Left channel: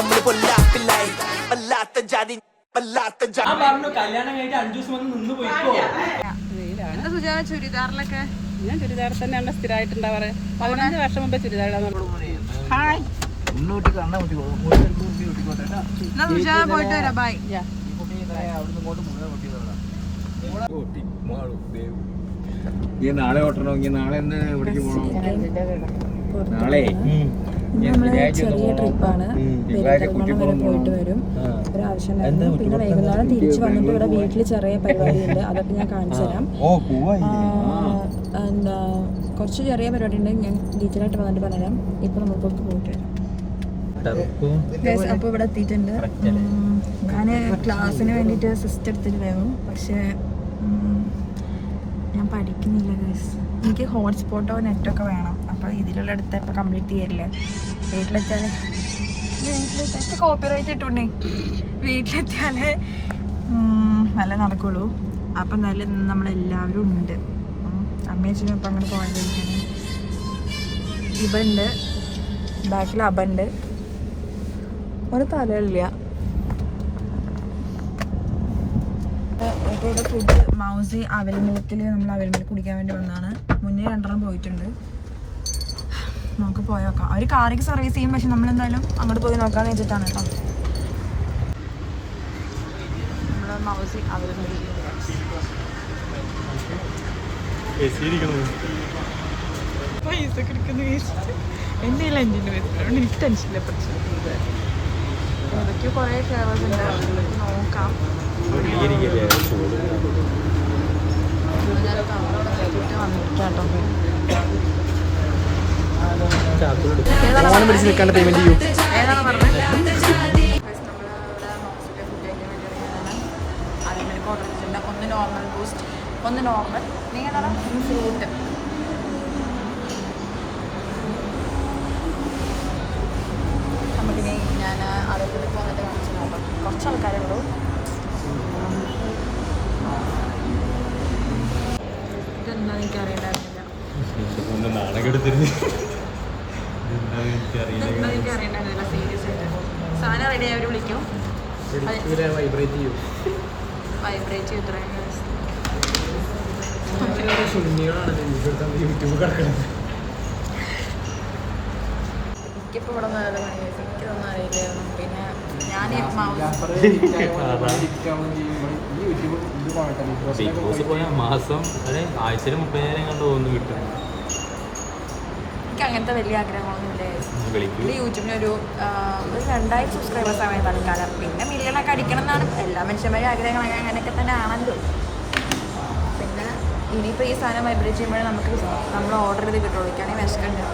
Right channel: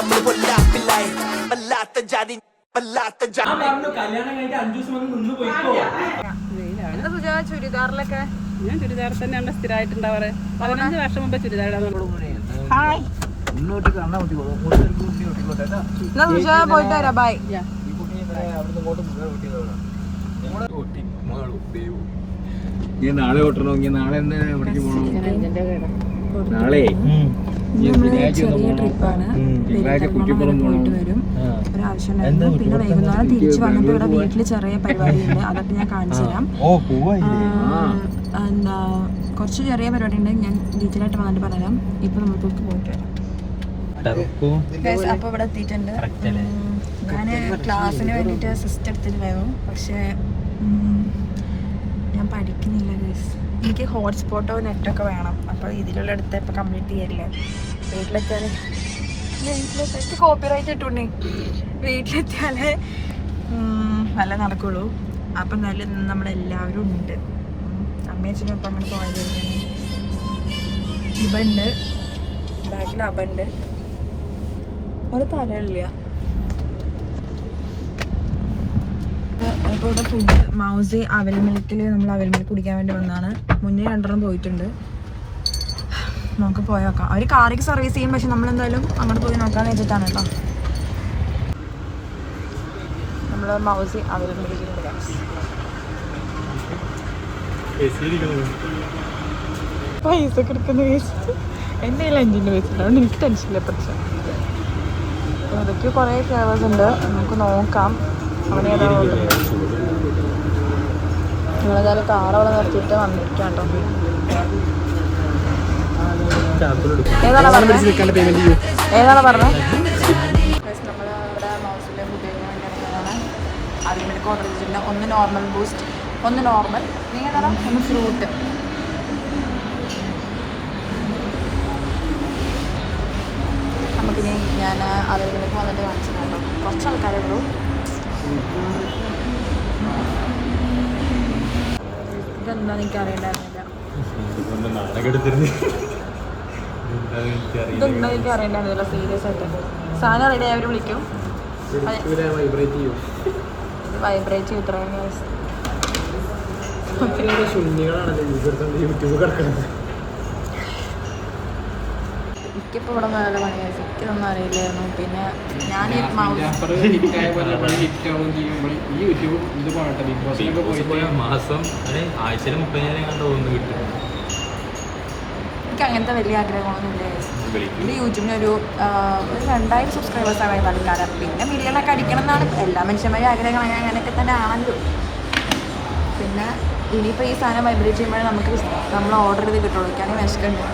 നമ്മള് പൊല്ലാപ്പില്ലായി വല്ലാത്ത ജാതി വല്ലാത്ത ജാതി. കല്യാണം കഴിഞ്ഞിട്ട് 5 ദിവസം വന്ന് നിന്ന് പോയിക്കോ. ചുരിദാറിലൊക്കെ ഞാൻ ചുരിദാർ തന്നെയാണ് സ്ഥിരമായിട്ടുണ്ടാവാറ്. 15 വർഷം മുമ്പേ ചുരിദാർ ഹായ് പോയിട്ട് വരാം. ബൈ. ഈ നാളെ ഓട്ടണമെങ്കിൽ നാളെ എന്താ എവിടേക്ക് പോകണം? നാളെ ചെറിയ ട്രിപ്പാണ്. പോയിട്ട് വരും. ഒരാവശ്യമുണ്ടായിരുന്നു. പിന്നെ വൈകുന്നേരം തിരിച്ചു വന്നിട്ട് ഇവിടെ വീട്ടിൽ ചെറിയ പരിപാടിയുണ്ട്. അതൊക്കെ ഞാൻ കാണിച്ചു തരാം. എന്താ കുറച്ച് ചെറിയ പരിപാടി ഉണ്ട്. ഞാൻ ഡീറ്റെയിലായിട്ട് വന്നിട്ട് പറയാം. ഇപ്പൊ നമ്മൾ പോയിട്ട് വരാം. അപ്പോൾ ഇവിടെ എത്തിയിട്ടുണ്ട്. ഞാൻ ക്ലാസ്സിന് വേണ്ടിയിട്ട് സിസ്റ്റം എടുത്തിട്ട് വേണം. പക്ഷേ ഞാൻ പഠിക്കുന്നില്ല ഗൈസ്. എനിക്ക് ഹോട്ട്സ്പോട്ടോ നെറ്റൊക്കെ വേണം. അപ്പോൾ ഇതിലുള്ള അടുത്ത് ഇപ്പോൾ കംപ്ലീറ്റ് ചെയ്യല്ലേ. വീട്ടിലെത്തിയാലേ കോപ്പിറൈറ്റ് ഇട്ടുണ്ടേ. വീട്ടിലെത്തിയാലേ നല്ല നടക്കുള്ളൂ. അപ്പം നല്ല നമ്മളെല്ലാവരും ഉണ്ട്. അമ്മയച്ഛനും ഇപ്പം അങ്ങനെ പോയത്. ഇബണ്ട് ബാക്കിൽ അബണ്ട്. ഒരു തലയില്ല. ഇപ്പോൾ ഇവിടെ ഫുഡ് മൗസി അവൽമിൽക്കിൽ നമ്മൾ അവൽമിൽക്ക് കുടിക്കാൻ വേണ്ടി വന്നതാണ്. മുന്നേ 2 പോയിട്ടുണ്ട്. നമുക്ക് പോയി നോക്കാം. അവർ കാറിക്ക് സർവീസ് ചെയ്യും. പക്ഷെ നമ്മളെന്തായാലും അങ്ങോട്ട് പോയി നോക്കാമെന്ന് വെച്ചിട്ടാണ് കേട്ടോ. നമ്മൾ മൗസി അവൽമിൽക്കിൽ പൈസ കിടക്കുന്ന വെച്ചിട്ട് എൻ്റെ കയ്യിൽ 5 വെച്ചിട്ടുണ്ട്. എനിക്ക് ടെൻഷനില്ല. പ്രശ്നം ഇതൊക്കെ കുറേ ഫ്ലേവേഴ്സ് ഉണ്ട്. നമുക്ക് നോക്കാം. നമ്മളേതായാലും കാറവിടെ നിർത്തിയിട്ട് വന്നിരിക്കാം കേട്ടോ. ഏതാണ് പറഞ്ഞത്? നമ്മൾ ഇവിടെ മൗസിലെ ഫുഡ് കഴിക്കാൻ വേണ്ടിയാണ് അതിലേക്ക് ഓർഡർ ചെയ്തിട്ടുണ്ട്. 1 നോർമൽ ബൂസ്റ്റ്, 1 നോർമൽ, നീ ഏതാണ്? 1 ഫ്രൂട്ട്. നമുക്കിനി ഞാൻ അതിലേക്ക് വന്നിട്ട് കാണിച്ചിട്ടുണ്ടോ. കുറച്ച് ആൾക്കാരേ ഉള്ളൂ. ഇതെന്താ എനിക്ക് അറിയണ്ടായിരുന്നില്ല. ഇതെന്താ എനിക്ക് അറിയണ്ടായിരുന്നില്ല. സീരിയസ് ആയിട്ട് സാധനം റെഡി ആയവർ വിളിക്കും. വൈബ്രേറ്റ് ചെയ്യും. ഇത്രയും എനിക്കിപ്പോൾ ഇവിടെ വേറെ എനിക്കിതൊന്നും അറിയില്ലായിരുന്നു. പിന്നെ ഞാൻ എനിക്ക് അങ്ങനത്തെ വലിയ ആഗ്രഹങ്ങളൊന്നുമില്ല. എൻ്റെ യൂട്യൂബിനൊരു 2000 സബ്സ്ക്രൈബേഴ്സാണ് തൽക്കാലം. പിന്നെ മില്യണൊക്കെ അടിക്കണം എന്നാണ് എല്ലാ മനുഷ്യന്മാരും ആഗ്രഹങ്ങൾ. അങ്ങനെയൊക്കെ തന്നെ ആണല്ലോ. പിന്നെ ഇനിയിപ്പോൾ ഈ സാധനം വൈബ്രേറ്റ് ചെയ്യുമ്പോഴേ നമ്മൾ ഓർഡർ ചെയ്ത് കിട്ടുള്ളൂ. എനിക്കാണെങ്കിൽ വിശക്കുണ്ട്.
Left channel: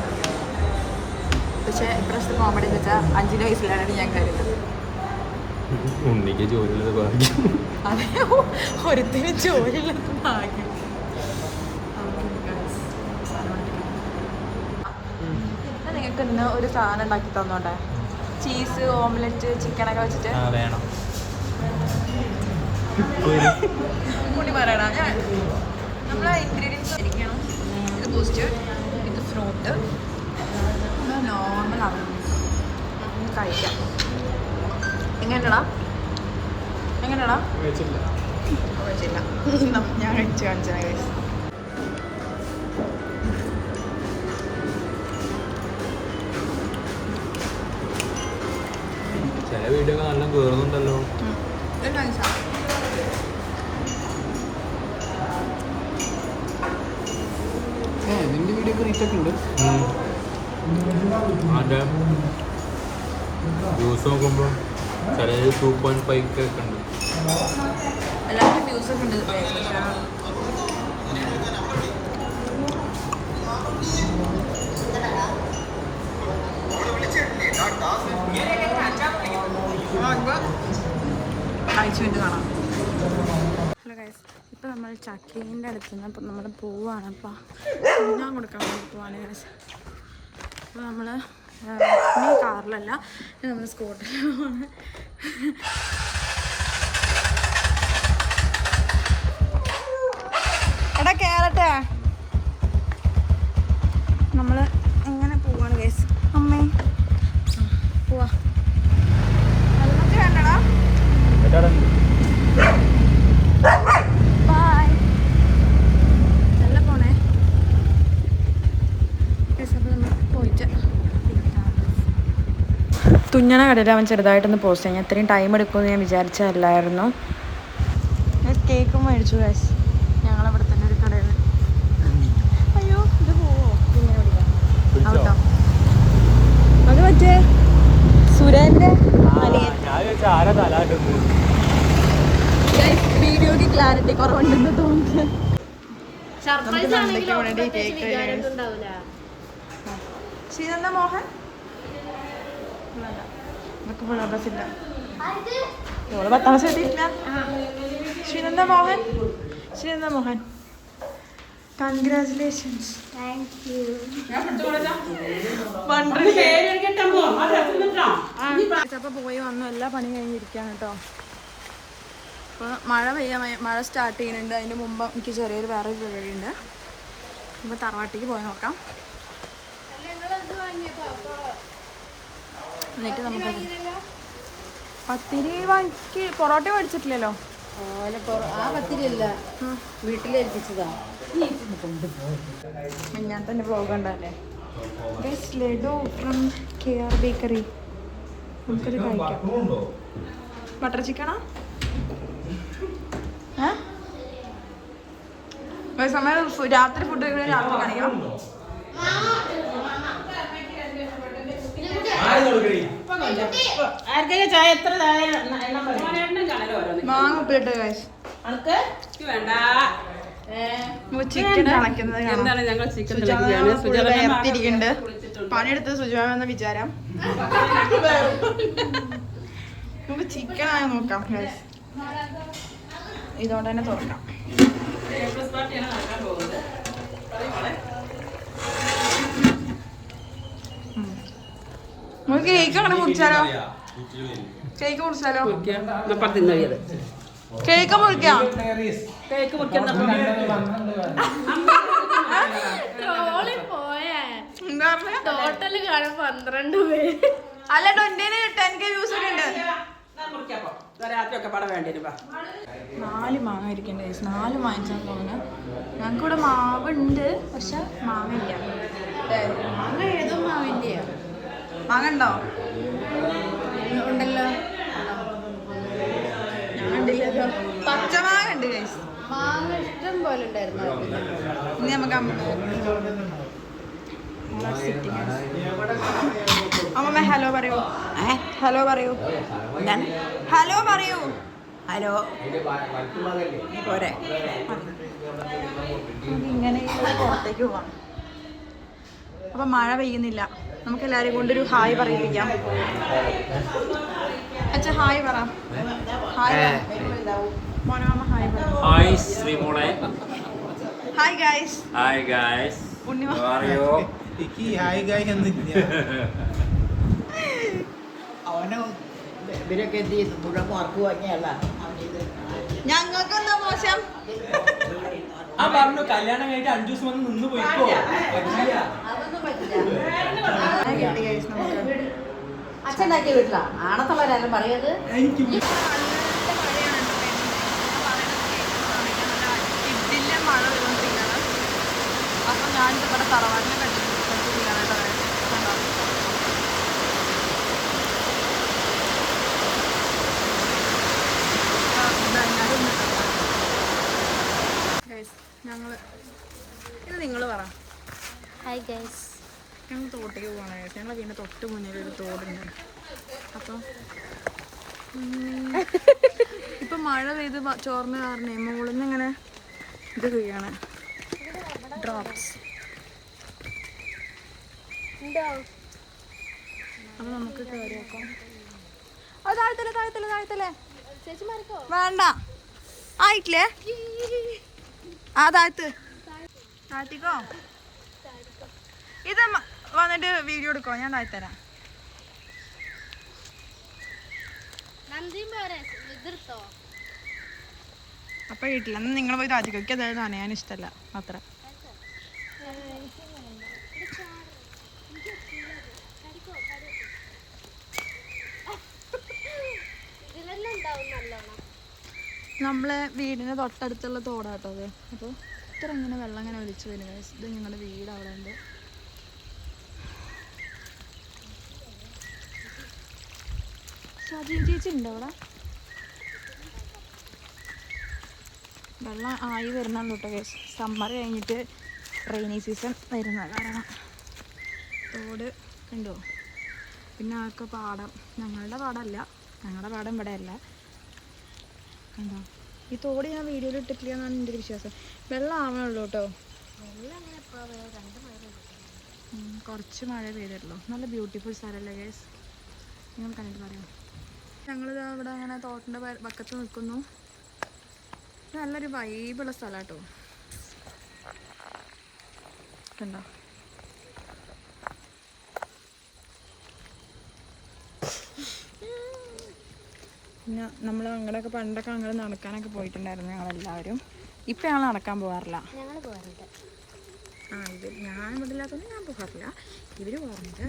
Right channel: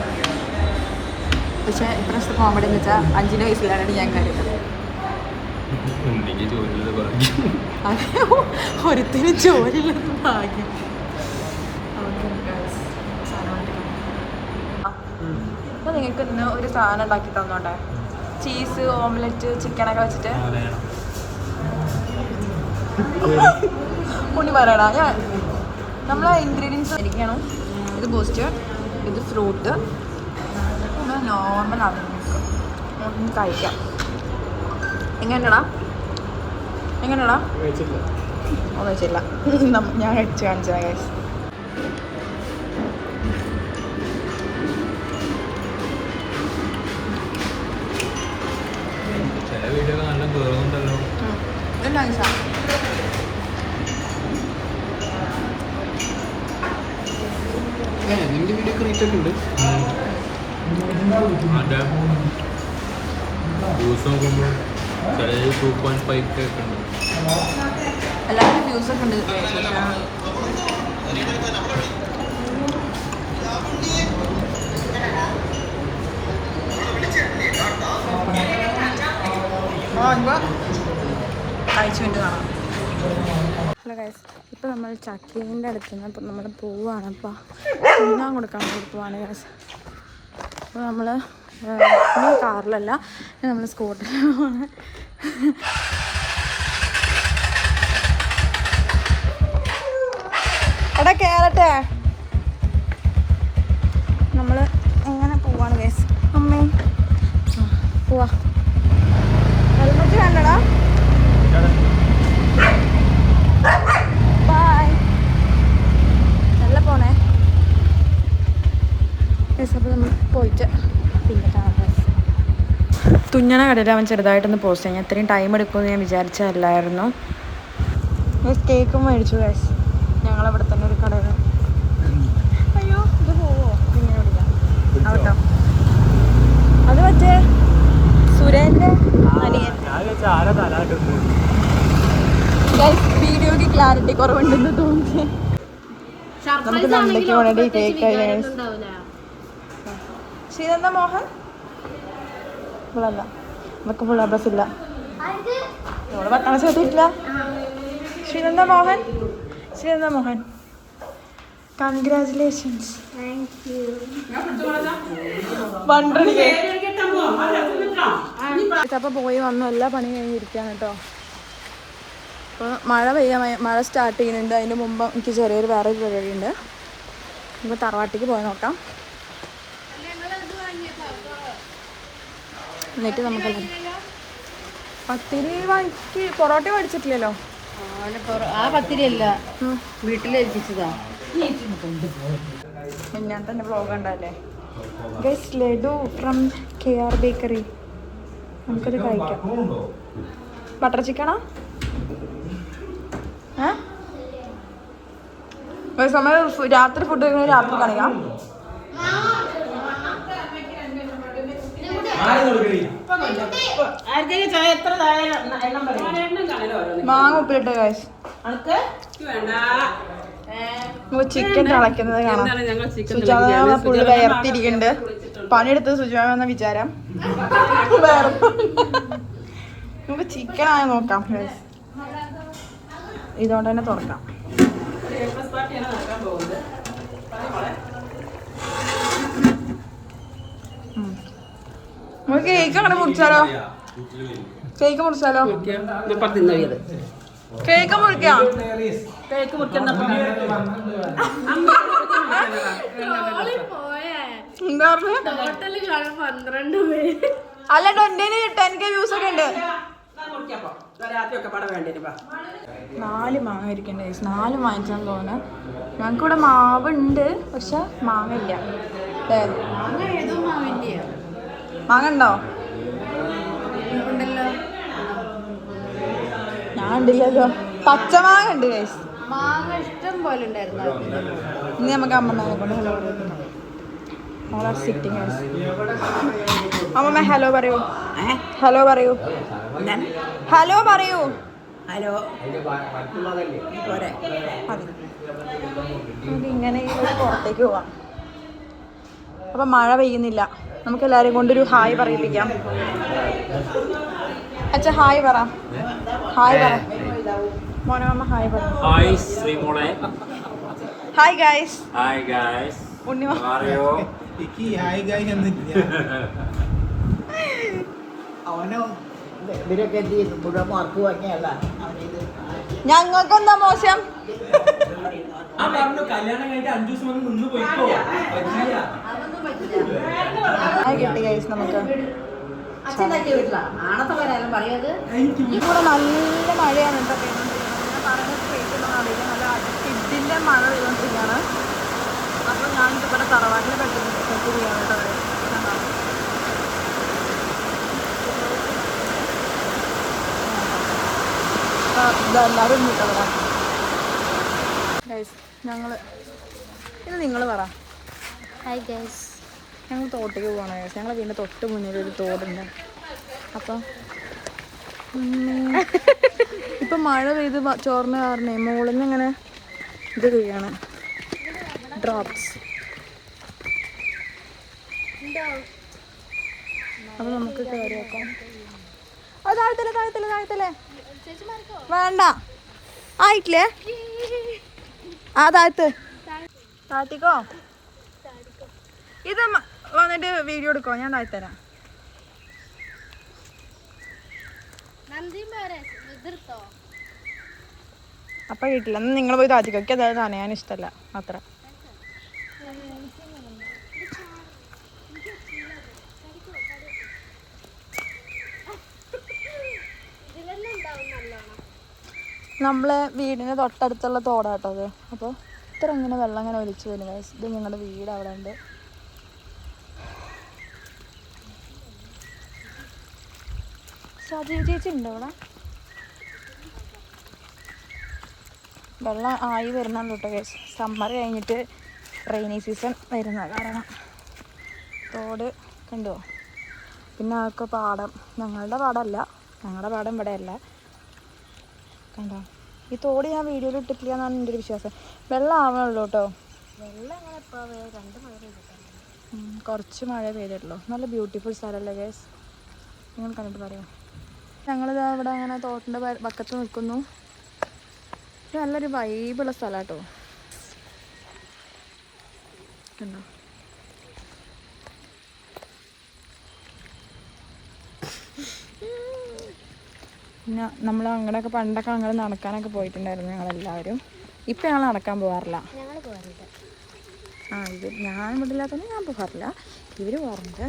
പക്ഷേ ഇപ്രാവശ്യത്തെ കോമഡി എന്ന് വെച്ചാൽ 5 വയസ്സിലാണ് ഞാൻ കരുതുന്നത്. അതെ, ഒരുത്തിന് ജോലിയുള്ളത് ഭാഗ്യം. അപ്പം നിങ്ങൾക്ക് ഇന്ന് ഒരു സാധനം ഉണ്ടാക്കി തന്നോട്ടെ. ചീസ് ഓംലെറ്റ് ചിക്കനൊക്കെ വെച്ചിട്ട് ഉണ്ണി പറയടാ. ഞാൻ നമ്മളെ ഇൻഗ്രീഡിയൻസ് ഇരിക്കണം. ഇത് ബൂസ്റ്റ്, ഇത് ഫ്രൂട്ട്, നോർമൽ ആവുന്നു. കഴിക്കാം. എങ്ങനെയാടാ? വെച്ചില്ല. ഞാൻ കഴിച്ച് കാണിച്ചാൽ കഴിച്ചു. എല്ലാവരും വ്യൂസൊക്കെ ഉണ്ട്. കഴിച്ചു വേണ്ടി കാണാം. ഹലോ ഗൈസ്, ഇപ്പോൾ നമ്മൾ ചക്കീൻ്റെ അടുത്ത് നിന്ന് ഇപ്പം നമ്മൾ പോവുകയാണ്. അപ്പോൾ തിന്നാൻ കൊടുക്കാൻ വേണ്ടി പോവാണ് ഗൈസ്. അപ്പോൾ നമ്മൾ ഇനി കാറിലല്ല, നമ്മൾ സ്കൂട്ടറിലാണ്. എടാ കേറട്ടെ. നമ്മൾ എങ്ങനെ പോവാണ് ഗൈസ്. അമ്മേ പോവാ. തുന്നണ കടയിൽ അവൻ ചെറുതായിട്ടൊന്ന് പോസ്റ്റ് ചെയ്യാൻ ഇത്രയും ടൈം എടുക്കുമെന്ന് ഞാൻ വിചാരിച്ചതല്ലായിരുന്നു. കേക്കും മേടിച്ചു കാശ് ഞങ്ങളവിടെ തന്നെ ഒരു കടയിൽ. അയ്യോ ഇത് പോവോ ഇങ്ങനെ പിടിക്കാം ഔട്ടോ. അത് മറ്റേ സുരേന്ദ്ര വീഡിയോക്ക് ക്ലാരിറ്റി കുറവുണ്ടെന്ന് തോന്നുന്നു. നമുക്ക് നന്ദയ്ക്ക് വേണ്ടി കേക്ക് ശ്രീനന്ദ മോഹൻ ഇവളല്ല, നമുക്ക് ഫുൾ അബ്രസ് ഇല്ല, ഇവള് 10ാം ക്ലാസ് എത്തിയിട്ടില്ല. ശ്രീനന്ദ മോഹൻ, ശ്രീനന്ദ മോഹൻ കൺഗ്രാറ്റുലേഷൻസ്. അപ്പൊ പോയി വന്നു, എല്ലാ പണി കഴിഞ്ഞിരിക്കാണ് കേട്ടോ. അപ്പോൾ മഴ സ്റ്റാർട്ട് ചെയ്യുന്നുണ്ട്. അതിന് മുമ്പ് എനിക്ക് ചെറിയൊരു വേറൊരു പരിപാടി ഉണ്ട്. അപ്പോൾ തറവാട്ടിക്ക് പോയി നോക്കാം. എന്നിട്ട് നമുക്കല്ല പത്തിരി വാങ്ങിച്ച് പൊറോട്ട മേടിച്ചിട്ടില്ലല്ലോ. ആ പത്തിരി അല്ല വീട്ടിലേൽപ്പിച്ചതാ. ഞാൻ തന്നെ വ്ലോഗ് ഉണ്ടല്ലേ guys. Laddu from KR bakery. നമുക്കത് കഴിക്കാം. ബട്ടർ ചിക്കണോ? സമയം രാത്രി ഫുഡ് കഴിക്കുന്ന രാത്രി കാണിക്കാം. മാങ്ങ ഉപ്പിലിട്ട് ഗൈസ്. ചിക്കൻ തിളയ്ക്കുന്നത് കാണാം. സുജാത ഫുള്ള് വേർത്തിരിക്കുന്നുണ്ട്. പണിയെടുത്തത് സുജാത എന്ന വിചാരം. നമുക്ക് ചിക്കൻ ആയി നോക്കാം ഗൈസ്. ഇതുകൊണ്ട് തന്നെ തുറക്കാം. നമുക്ക് കേക്ക് അങ്ങനെ മുറിച്ചാലോ? കേക്ക് മുറിച്ചാലോ? കേക്ക് മുറിക്കാം. എന്താ അല്ല 10K വ്യൂസ് ഒക്കെ ഉണ്ട്. 4 മാങ്ങ ഇരിക്കണ്ടേ? 4 വാങ്ങിച്ചാൽ പോകുന്ന. ഞങ്ങൾക്കിവിടെ മാവുണ്ട്, പക്ഷെ മാങ്ങ ഇല്ല. മാങ്ങ ഉണ്ടോ? ഉണ്ടല്ലോ. ഞാൻ ഉണ്ടില്ലല്ലോ. പച്ചമാങ്ങ ഉണ്ട് ഗൈസ്. ഇനി നമുക്ക് അമ്മ അമ്മ ഹലോ പറയൂ. ഹലോ പറയൂ. ഹലോ പറയൂ. ഹലോ പോരെ. ഇങ്ങനെ പുറത്തേക്ക് പോവാം. അപ്പം മഴ പെയ്യുന്നില്ല. നമുക്ക് എല്ലാവരും കൊണ്ടൊരു ഹായ് പറയിപ്പിക്കാം. അച്ഛാ ഹായ് പറ. ഹായ് പറ മോനമ്മ. ഹായ് പറ. ഹായ് ശ്രീമോളെ. Hi guys. Hi guys. Unnima hi guys എന്നില്ല. അവനെ ഇവരൊക്കെ എന്ത് ചെയ്തു? മുഴുവൻ മാർക്ക് വാങ്ങിയല്ല. ഞങ്ങൾക്കെന്താ മോശം? കല്യാണം കഴിഞ്ഞിട്ട് 5 ദിവസം വന്ന് നിന്ന് പോയിക്കോ. കിട്ടി ഗൈസ് നമുക്ക്. അച്ഛനാക്കിയ വീട്ടിലാ ആണത്തുള്ളവരാരും പറയത്. ഇവിടെ നല്ല മഴയാണ് കേട്ടോ പെയ്തുകൊണ്ടിരിക്കുന്നത്. ഞാൻ പറയുന്നത് കേൾക്കണമെന്ന് അറിയില്ല. നല്ല കിഡില്ല മഴ പെയ്തുകൊണ്ടിരിക്കുകയാണ്. അപ്പം ഞാൻ ഇവിടെ തറവാട്ടിൽ പെട്ടിരിക്കുകയാണ് കേട്ടോ. കണ്ടോ? ഇതെല്ലാവരും കിട്ടുക ഗൈസ്. ഇത് നിങ്ങൾ പറ. Hi guys. ഞങ്ങൾ തോട്ടേക്ക് പോകണം ഗൈസ്. ഞങ്ങൾ വീടിൻ്റെ തൊട്ട് മുന്നിൽ ഒരു തോടുണ്ട്. അപ്പോൾ ഇപ്പം മഴ പെയ്ത് ചോർന്ന കാരണേ മുകളിൽ നിന്ന് ഇങ്ങനെ ഇത് വീഴാണ്, ഡ്രോപ്സ്. അപ്പോൾ നമുക്ക് കയറി വെക്കാം. അത് താഴത്തല്ലേ വേണ്ട, ആയിട്ടില്ലേ? ആ താഴ്ത്തിക്കോ. ഇത് വന്നിട്ട് വീഡിയോ എടുക്കോ? ഞാൻ താഴ്ത്തരാം. അപ്പം കിട്ടില്ല. എന്നാൽ നിങ്ങൾ പോയി താഴ്ത്തിക്കോ. എനിക്ക് അതായത് നനയാൻ ഇഷ്ടമല്ല അത്ര. നമ്മളെ വീടിന് തൊട്ടടുത്തുള്ള തോടാട്ടോ അത്. അപ്പോൾ ഇത്ര ഇങ്ങനെ വെള്ളം ഇങ്ങനെ ഒലിച്ച് വരും. ഇത് ഞങ്ങളുടെ വീട് അവിടെ ഉണ്ട്. സാധു ചേച്ചി ഉണ്ടോ അവിടെ? വെള്ളം ആയി വരുന്നുണ്ട് കേട്ടോ ഗൈസ്. സമ്മർ കഴിഞ്ഞിട്ട് റെയിനി സീസൺ വരുന്ന കാരണം റോഡ് കണ്ടോ. പിന്നെ അതൊക്കെ പാടം, ഞങ്ങളുടെ പാടമല്ല, ഞങ്ങളുടെ പാടം ഇവിടെ അല്ല കണ്ടോ. ഈ തോട് ഞാൻ വീഡിയോയിൽ ഇട്ടിട്ടില്ല എന്നാണ് എൻ്റെ ഒരു വിശ്വാസം. വെള്ളം ആവണുള്ളൂ കേട്ടോ. വെള്ളം എങ്ങനെ എപ്പോഴാണ് 2 മഴ പെയ്തിട്ടുള്ളൂ, കുറച്ച് മഴ പെയ്തിട്ടുള്ളൂ. നല്ല ബ്യൂട്ടിഫുൾ സ്ഥലമല്ലേ ഗൈസ്, നിങ്ങൾ കണ്ടിട്ട് പറയുമോ. ഞങ്ങളിതാ ഇവിടെ അങ്ങനെ തോട്ടിൻ്റെ പക്കത്ത് നിൽക്കുന്നു. ഇത് നല്ലൊരു വൈബുള്ള സ്ഥലം കേട്ടോ കണ്ടോ. പിന്നെ നമ്മൾ അങ്ങനെയൊക്കെ പണ്ടൊക്കെ അങ്ങനെ നടക്കാനൊക്കെ പോയിട്ടുണ്ടായിരുന്നു ഞങ്ങളെല്ലാവരും. ഇപ്പം ഞങ്ങൾ നടക്കാൻ പോകാറില്ല. ഇത് ഞാൻ വീട്ടിലാത്തതുകൊണ്ട് ഞാൻ പോകാറില്ല, ഇവർ പോകാറുണ്ട്.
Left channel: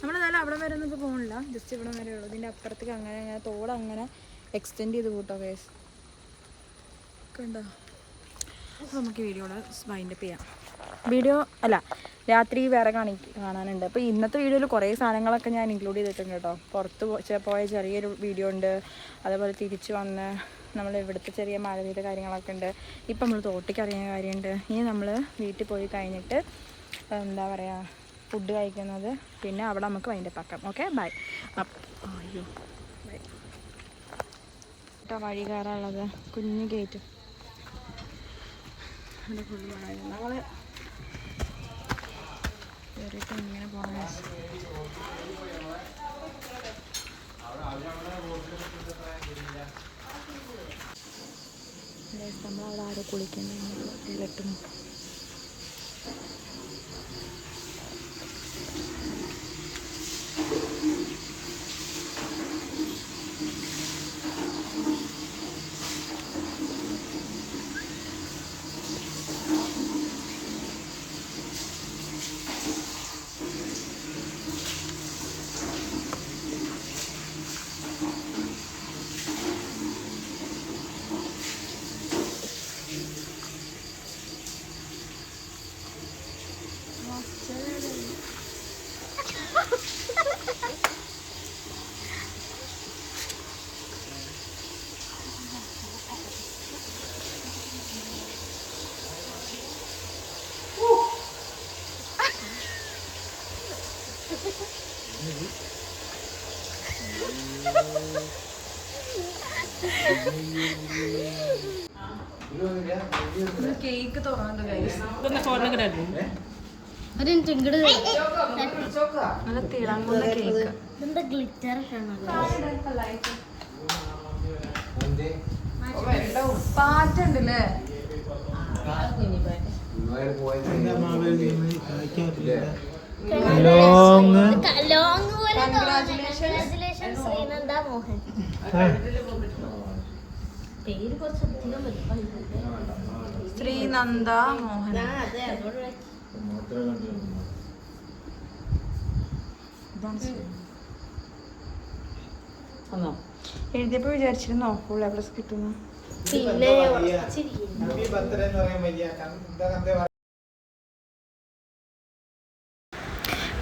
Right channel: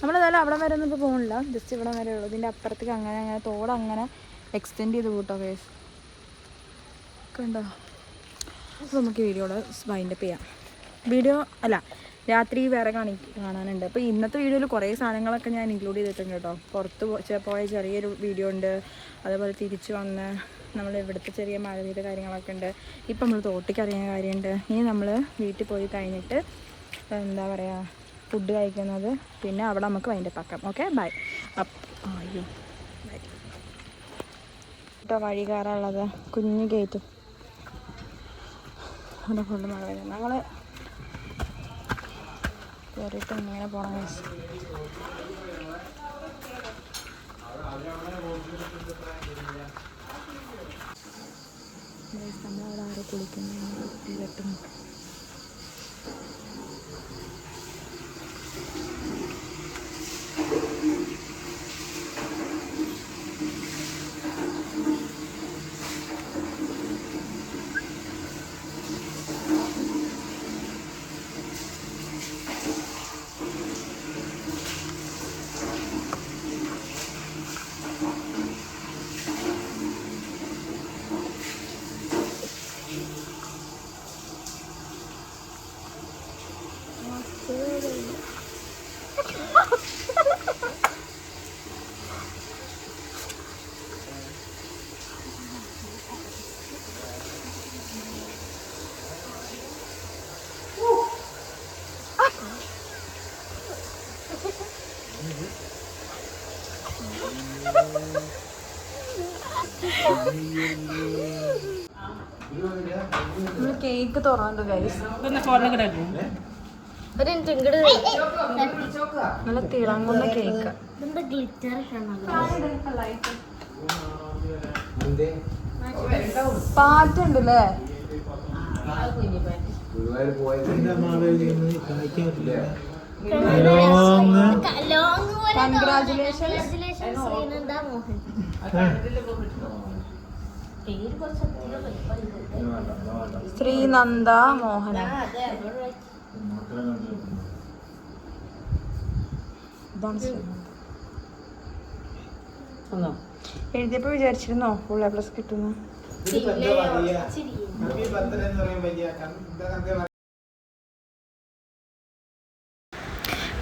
നമ്മളേതായാലും അവിടെ വരെ ഒന്നും ഇപ്പോൾ പോകുന്നില്ല, ജസ്റ്റ് ഇവിടെ വരെ ഉള്ളൂ. ഇതിൻ്റെ അപ്പുറത്തേക്ക് അങ്ങനെ തോട് അങ്ങനെ എക്സ്റ്റെൻഡ് ചെയ്ത് കൂട്ടോ കേസ് കണ്ടോ. അപ്പോൾ നമുക്ക് വീഡിയോയുടെ വൈൻഡപ്പ് ചെയ്യാം. വീഡിയോ അല്ല, രാത്രി വേറെ കാണാനുണ്ട്. അപ്പോൾ ഇന്നത്തെ വീഡിയോയിൽ കുറേ സാധനങ്ങളൊക്കെ ഞാൻ ഇൻക്ലൂഡ് ചെയ്തിട്ടുണ്ട് കേട്ടോ. പുറത്ത് പോയ ചെറിയൊരു വീഡിയോ ഉണ്ട്, അതേപോലെ തിരിച്ച് വന്ന് നമ്മൾ ഇവിടുത്തെ ചെറിയ മഴ പെയ്ത കാര്യങ്ങളൊക്കെ ഉണ്ട്. ഇപ്പം നമ്മൾ തോട്ടിക്ക് അറിയുന്ന കാര്യമുണ്ട്. ഇനി നമ്മൾ വീട്ടിൽ പോയി കഴിഞ്ഞിട്ട് എന്താ പറയുക, ഫുഡ് കഴിക്കുന്നത്, പിന്നെ അവിടെ നമുക്ക് വൈൻഡപ്പ് ആക്കാം. Okay bye. അയ്യോ ബൈ കേട്ടോ. വഴി കയറാനുള്ളത് കുഞ്ഞ് ഗേറ്റ്, അവിടെ ഫുള്ള് മഴ വരുന്നത്. ഞങ്ങൾ കയറിയിട്ട് ഇങ്ങനെ പോകണം. നമ്മളവിടെ ആരോ കുളിക്കുന്നുണ്ട്. കേക്ക് തുറന്നു നല്ല തിളങ്ങുന്ന കേക്ക്. പാറ്റുണ്ടല്ലേ. ശ്രീനന്ദ മോഹൻ. എഴുതിയപ്പോ വിചാരിച്ചിരുന്നോ ഫുൾ A+ കിട്ടുന്നു?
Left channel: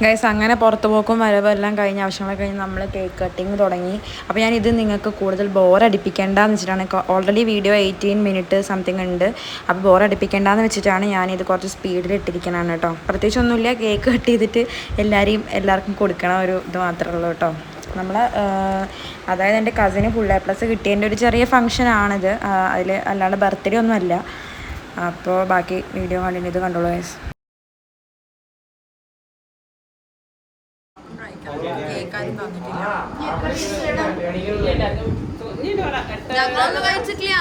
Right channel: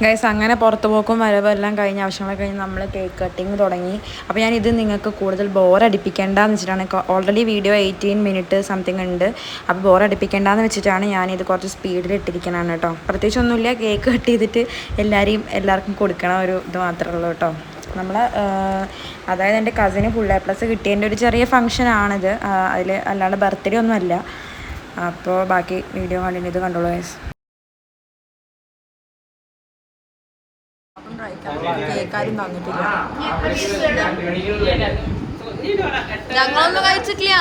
ഗൈസ് അങ്ങനെ പുറത്ത് പോക്കും വരവും എല്ലാം കഴിഞ്ഞ് ആവശ്യങ്ങളൊക്കെ കഴിഞ്ഞ് നമ്മൾ കേക്ക് കട്ടിങ് തുടങ്ങി. അപ്പോൾ ഞാനിത് നിങ്ങൾക്ക് കൂടുതൽ ബോറടിപ്പിക്കേണ്ടെന്ന് വെച്ചിട്ടാണ്. ഓൾറെഡി വീഡിയോ 18 മിനിറ്റ് സംതിങ് ഉണ്ട്. അപ്പോൾ ബോറടിപ്പിക്കേണ്ടെന്ന് വെച്ചിട്ടാണ് ഞാനിത് കുറച്ച് സ്പീഡിൽ ഇട്ടിരിക്കണതാണ് കേട്ടോ. പ്രത്യേകിച്ചൊന്നുമില്ല, കേക്ക് കട്ട് ചെയ്തിട്ട് എല്ലാവർക്കും കൊടുക്കണ ഒരു ഇത് മാത്രമേ ഉള്ളൂ കേട്ടോ. നമ്മൾ അതായത് എൻ്റെ കസിന് ഫുൾ A+ കിട്ടിയതിൻ്റെ ഒരു ചെറിയ ഫംഗ്ഷനാണിത്. അതിൽ അല്ലാണ്ട് ബർത്ത്ഡേ ഒന്നുമല്ല. അപ്പോൾ ബാക്കി വീഡിയോ കണ്ടിട്ട് ഇത് കണ്ടോളൂ ഗൈസ്. കേക്കാരും തന്നിട്ടില്ല, ഞങ്ങളൊന്നും കഴിച്ചിട്ടില്ല.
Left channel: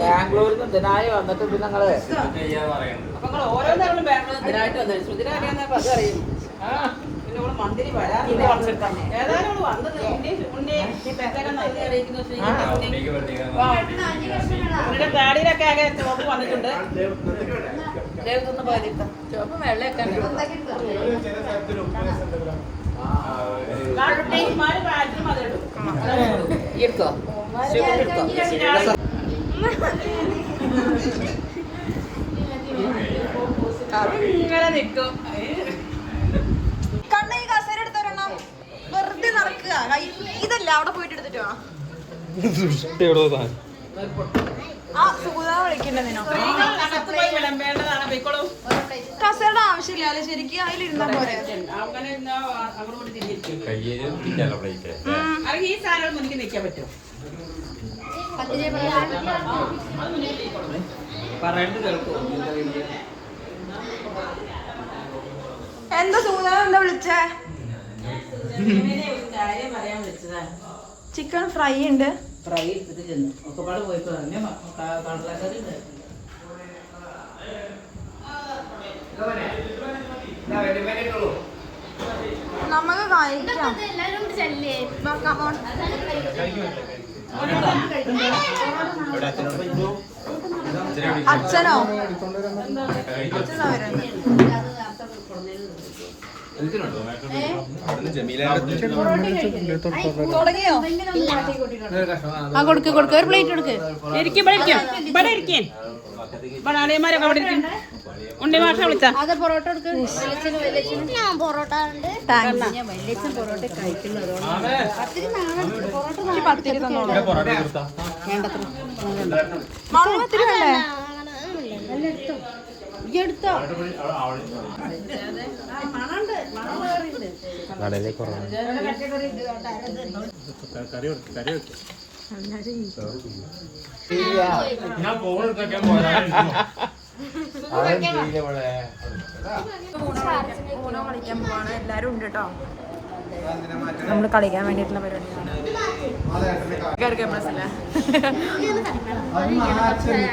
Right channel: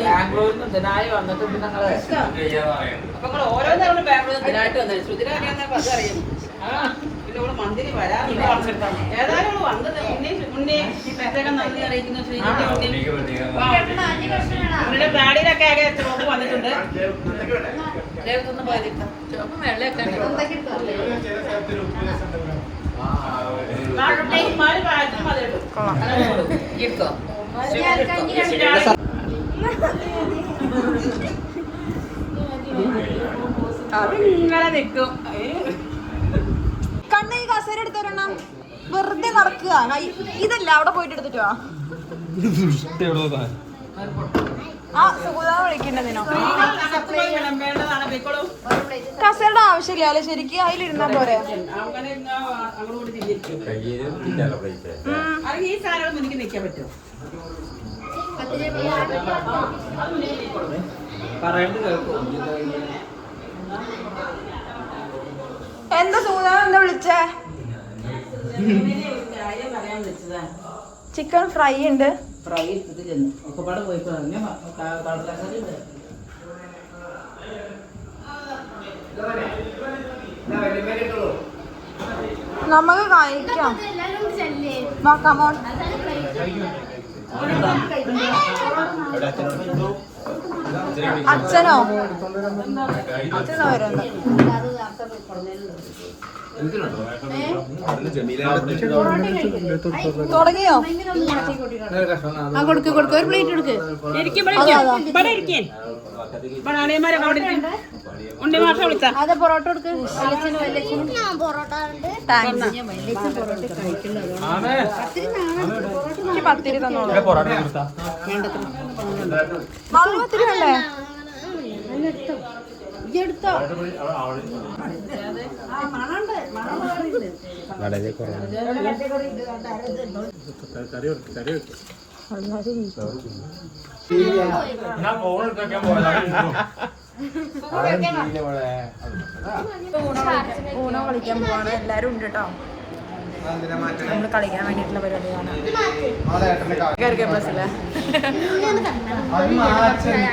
ബാംഗ്ലൂരിൽ നിന്ന് ഇതിനായി വന്നിട്ട് പിന്നെ ഓരോന്നാണ് ബാംഗ്ലൂർ ഇതിനായിട്ട് വന്നത്. ശ്രുതിനെ അറിയാൻ മന്ത്രി വരാൻ ഏതായാലും വന്നത് മുന്നേ പ്രത്യേകം നന്ദി അറിയിക്കുന്നു. ശ്രീജിന്റെ താടിയിലൊക്കെ ആകെ ചുവപ്പ് വന്നിട്ടുണ്ട്. എടുത്തോ വെറുതെ നടക്കുക. ഇതല്ല അവിടെ പോയിട്ട് എടുത്തിട്ട് വാ. ആ സുഗുതാ വിളിക്കണ്ടതിനോ വിളമ്പേണ്ടതാണ് പോയിക്കോളൂ. കസേരയുടെ ആവശ്യമില്ല അല്ലെ? ശരിക്കും അതിലിരുന്നാ പോരെ? അങ്ങനെ ഇരുന്നാ അങ്ങോട്ട് കൂടി തിരിഞ്ഞിരിക്കും. അല്ലെങ്കിൽ ഈ സാധനം മുന്നിൽ നിൽക്കാൻ പറ്റുമോ? എന്താ സുഗുതാ എന്താ വിളിച്ചേ? കാര്യം പറയാൻ വിളിച്ചതാ. ചിക്കൻ ഫ്രൈ ഉണ്ട്. ഫ്രൈ എടുത്തിട്ട് ചെന്നു ഒക്കെപ്പാട് പോയപ്പോ കടലക്കറി ഉണ്ട്. നമുക്ക് കഴിക്കാം. കമോൺ. അച്ഛനോ വരുന്നത്? തുടങ്ങിയോ? കൊടുക്ക് ഒരു പ്ലേറ്റ് എടുക്ക്. ആളിയന്മാരൊക്കെ അവിടെ ഇരിക്കും. ഉണ്ടി മാസം വിളിച്ചാ പത്തിരി തന്നോളൂ. പത്തിരി വേണ്ടേ? ഊണോ കളിക്കാൻ പോവാണ്. എല്ലാരും ഉണ്ട് കേട്ടോ. നമ്മള് കളിക്കാൻ വേണ്ടിട്ടുള്ള പരിപാടിയാണ്. പ്ലസ്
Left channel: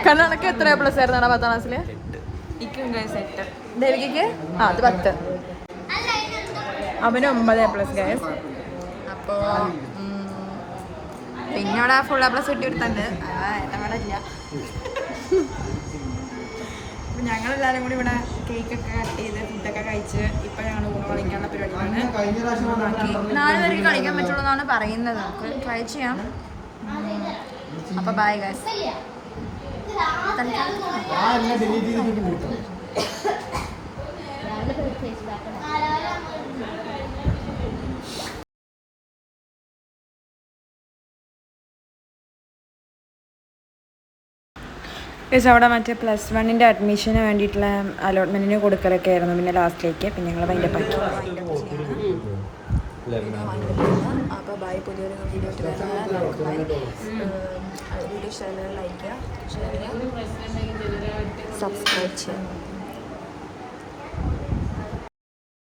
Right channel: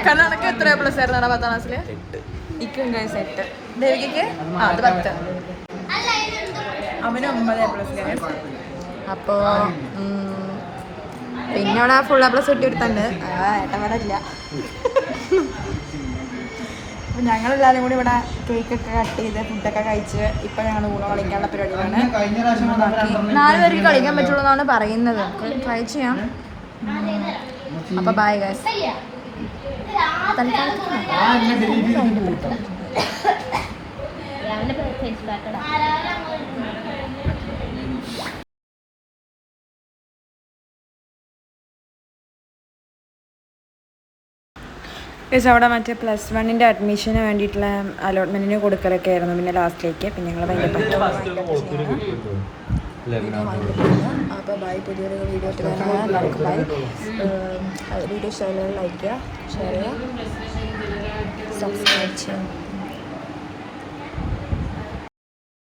കണ്ണനക്ക് എത്ര പ്ലസ് ആയിരുന്നു 10ാം ക്ലാസ്സില്? ഇക്കും സെറ്റ്. ദേവികക്ക് അത് 10. അവന് 9 പ്ലസ് ഗൈസ്. അപ്പോ പിന്നെ അവിടെ ഫുൾ പ്ലസ് കിട്ടി ഒരുത്തണ്ട്. ഏട്ടവിടെ ഇല്ല. അപ്പം ഞങ്ങളെല്ലാവരും കൂടി ഇവിടെ കേക്കൊക്കെ കട്ട് ചെയ്ത് ഫുഡൊക്കെ കഴിച്ച് ഇപ്പം ഞങ്ങൾ ഊണ കളിക്കാനുള്ള പരിപാടിയാണ്. 4 പേർക്ക് കളിക്കാൻ പറ്റുള്ളൂ എന്നാണ് പറയുന്നത്. നമുക്ക് ട്രൈ ചെയ്യാം. അപ്പം ബൈ ഗൈസ്. അവിടെ മറ്റേ +1 അഡ്മിഷന് വേണ്ടിയിട്ടുള്ള അലോട്ട്മെൻറ്റിന് കൊടുക്കലൊക്കെ ആയിരുന്നു. പിന്നെ ലാസ്റ്റിലേക്ക് പിന്നെ ഞങ്ങൾ വൈൻഡപ്പ് ചെയ്യണം. അപ്പോൾ ബൈ. പുതിയൊരു വീഡിയോ ഇട്ട് വരുന്നത് എല്ലാവർക്കും ബൈ. വീഡിയോ ഇഷ്ടമായാലും ലൈക്ക് ചെയ്യുക, ഷെയർ ചെയ്യുക, സബ്സ്ക്രൈബ് ചെയ്യുക.